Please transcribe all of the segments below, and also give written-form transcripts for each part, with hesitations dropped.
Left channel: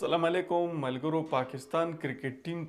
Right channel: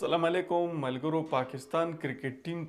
अस्सलाम वालेकुम मलगरो। Pakistan cricket team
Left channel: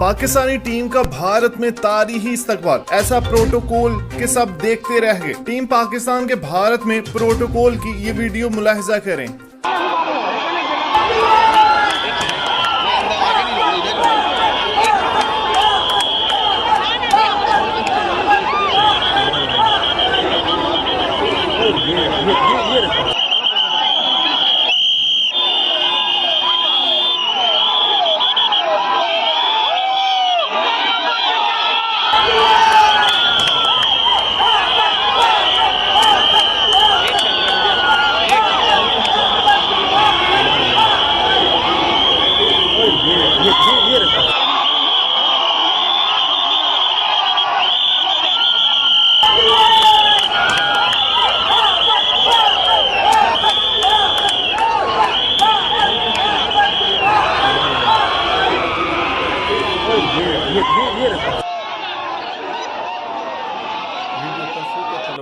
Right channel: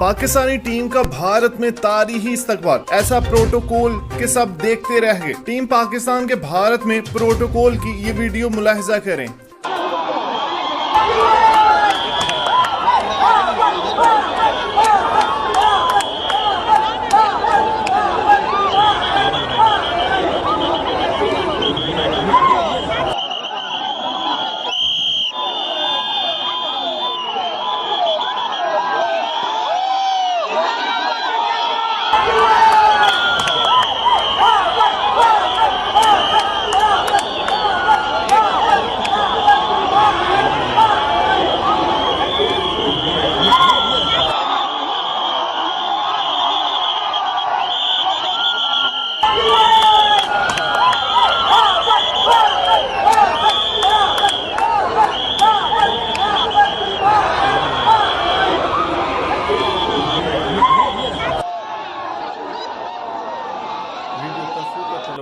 Pakistani team का भारत में तारीखी इस्तकबाल, ऐसा प्रोटोकॉल के सब देखते रह गए। टीम पाकिस्तान के भारत में प्रोटोकॉल की ये वीडियो मुलाहिजा करें।